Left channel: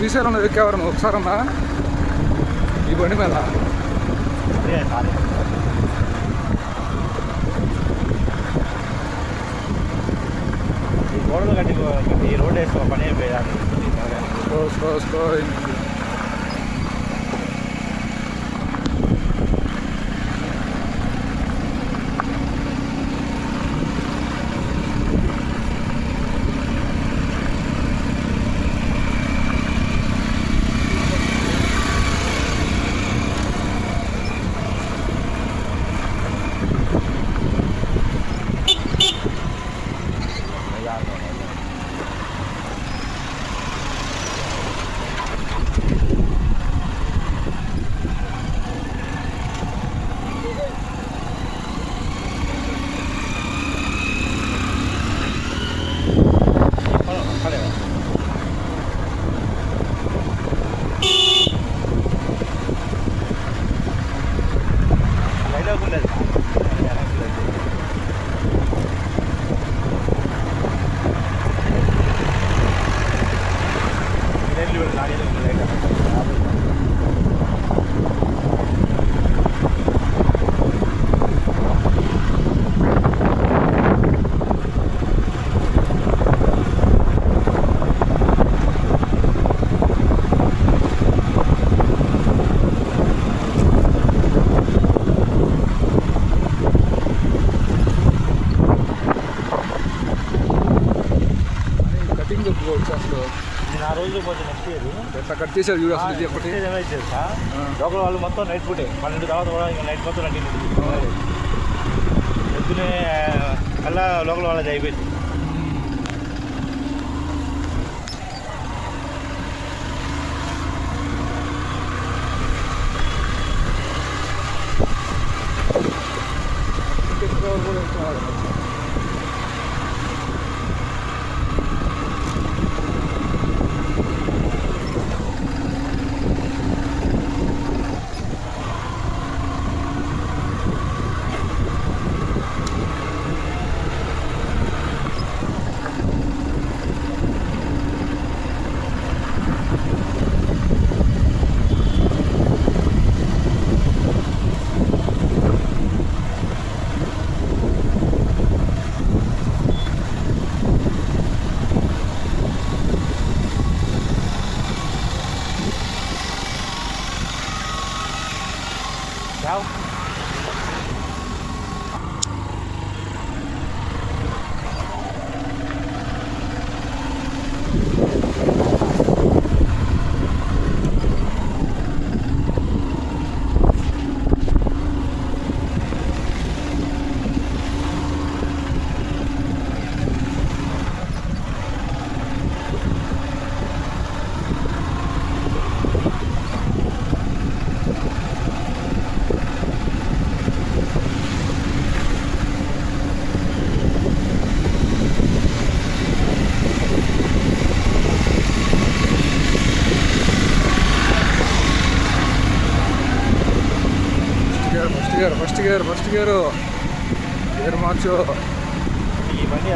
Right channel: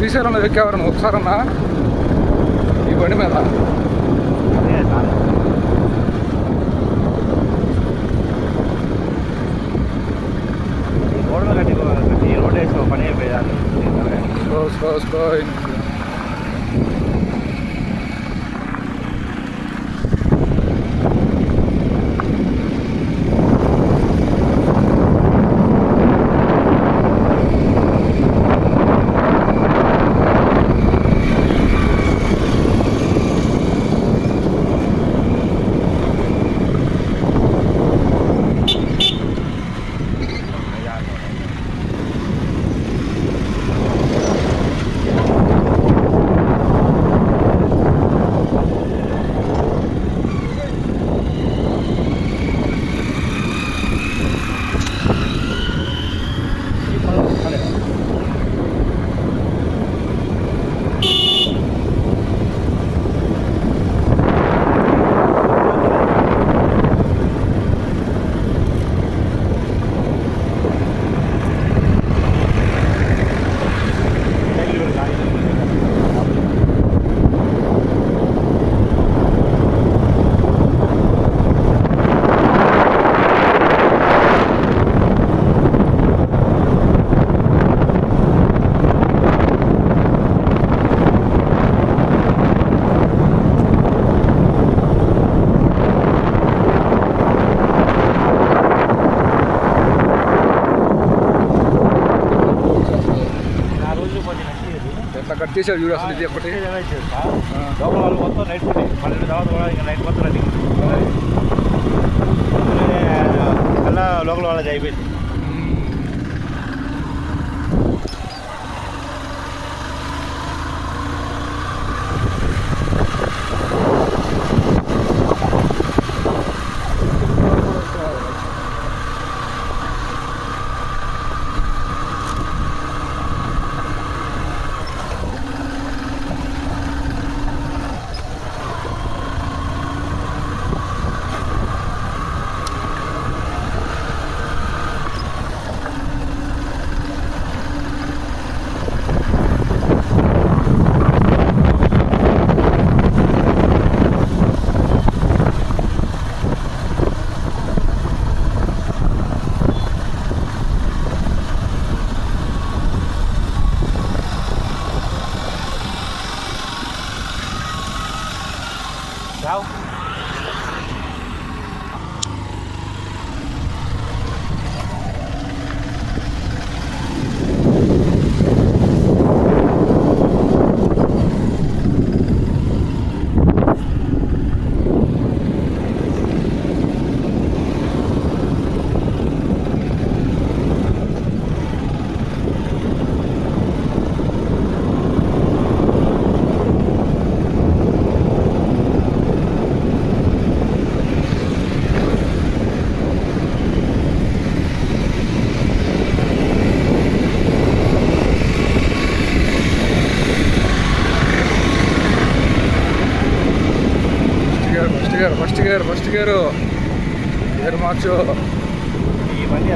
శ్రీశైలంలో ఎక్కేవారు ఒకసారన్నా ఈ బండి మీద? ఈ రోడ్ వేసుకో పని అయిపోయాలి. స్లో ఎట్లా కట్ చేశారు చూడు అసలు. ఇది ఒకటి లోపల వాళ్ళు మొత్తం నైట్ డ్యూటీ 12 తర్వాత కూడా ఇంకా నైట్ మొత్తం రండి మళ్ళా లోపల వాళ్ళది అయిపోయింది. Đâu? ఫస్ట్ గేర్ మార్చు. ఈ బండి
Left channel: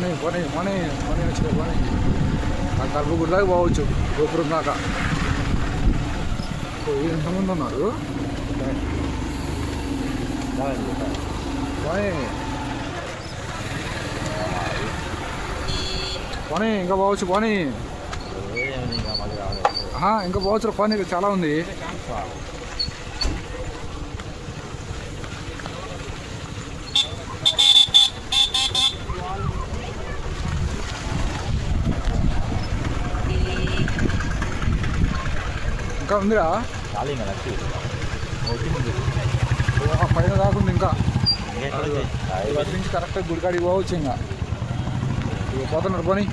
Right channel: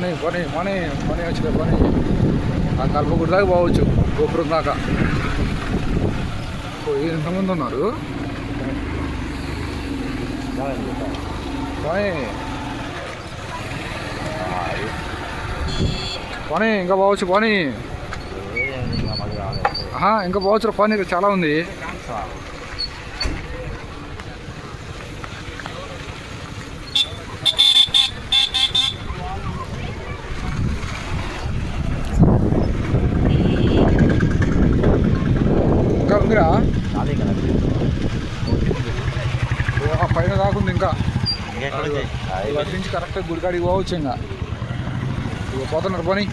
పని పని పని పని వచ్చిన పని ఆ కల్పగుడి దాకా పోవచ్చు గోపురం దాకా. ఎంతమంది ఉన్నారు పని పని ఇంకా పోవచ్చు పని ఇంకా పోవచ్చు పని ఇక్కడ చాలా ఉంది. ఇంకా ఉందిరా పైన దాకుంది ఇంకా నుంచి కరెక్ట్గా గుడికాడికి పోవచ్చు. ఇంకా ఇక పోతున్నారు పని.